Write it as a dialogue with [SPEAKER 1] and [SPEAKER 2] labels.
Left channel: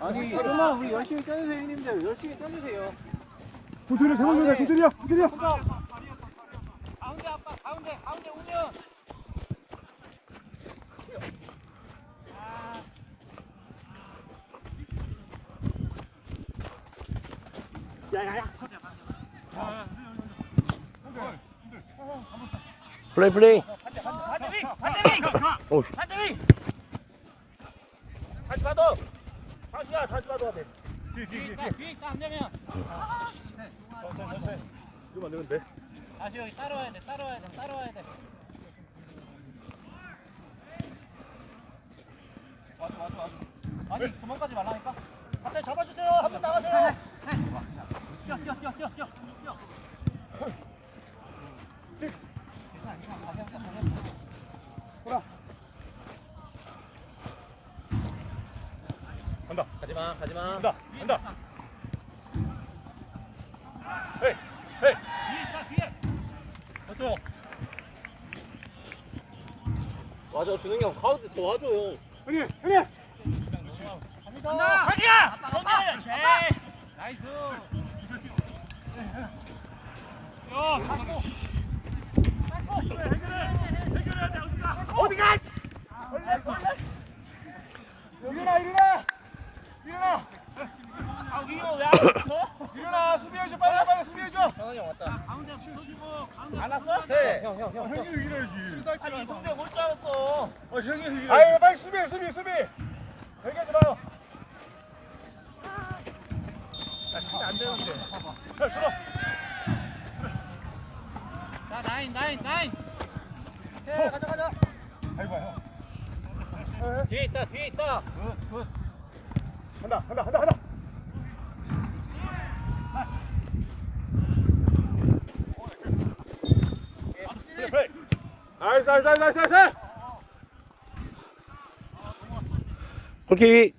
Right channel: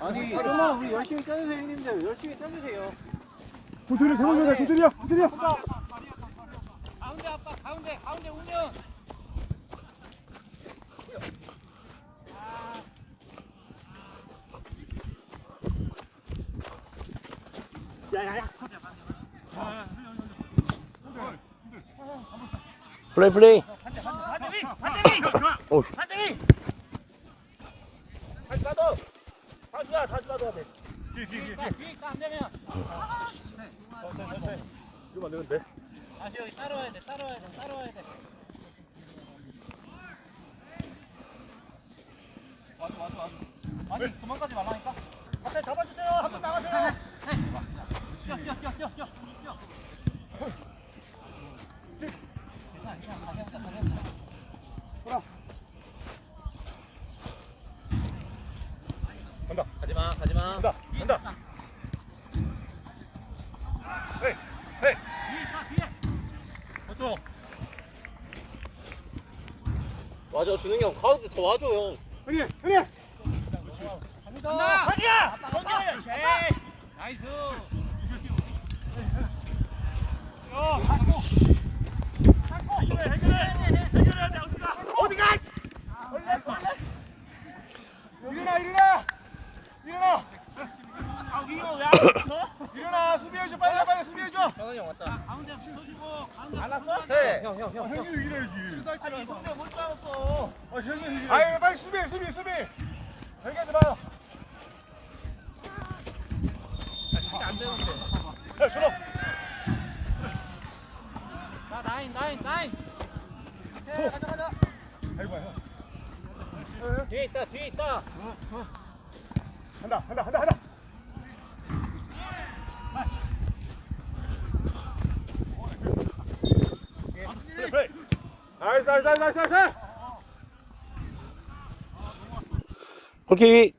[SPEAKER 1] 아니 그러면 우리 열심히 떠주세요 형님들 열심히 떠주세요
[SPEAKER 2] 도전이야 장원이야 도전이야 도전이야
[SPEAKER 3] 가운데 아빠 가운데 가운데 운영
[SPEAKER 4] 플레이 플레이. 오,
[SPEAKER 3] 다시 봐도 다시야 다시 봐도. 돼 뒤에 있다 안 되면.
[SPEAKER 2] 이러면 안 되는데?
[SPEAKER 3] 다시 여기 따라와야 돼 따라와야 돼 따라와야 돼.
[SPEAKER 1] 아니 도망가지 말라니까? 잡아주세요. 한번 나가세요
[SPEAKER 3] 가지마 가지마
[SPEAKER 4] 와줘 준영이 형 가운데 더 와줘 형.
[SPEAKER 2] 형님 형님
[SPEAKER 3] 간다 가지야 아빠 아빠 아빠 나이스
[SPEAKER 2] 일어나 일어나 일어나
[SPEAKER 3] 아 위로 왜
[SPEAKER 2] 일어나 수비해줘 빨리
[SPEAKER 4] 상환이 형 왔다.
[SPEAKER 3] 가운데 가운데 안 왔어?
[SPEAKER 4] 네.
[SPEAKER 2] 아, 형이 일어나야지
[SPEAKER 3] 출발처럼 동작 못 잡았어
[SPEAKER 2] 아 형이 일어나 아유 빨리 수비해 수비 수비 여기까지 봐
[SPEAKER 3] 안 되는 거
[SPEAKER 2] 야, 준호
[SPEAKER 3] 자 나인 나인 나인
[SPEAKER 2] 네, 가자 가자 아이고 형
[SPEAKER 3] 뒤에 있다 뒤에 있다
[SPEAKER 2] 간다 간다 간다 간다 나이스 나이스 나이스 나이스 나이스
[SPEAKER 4] 골킥.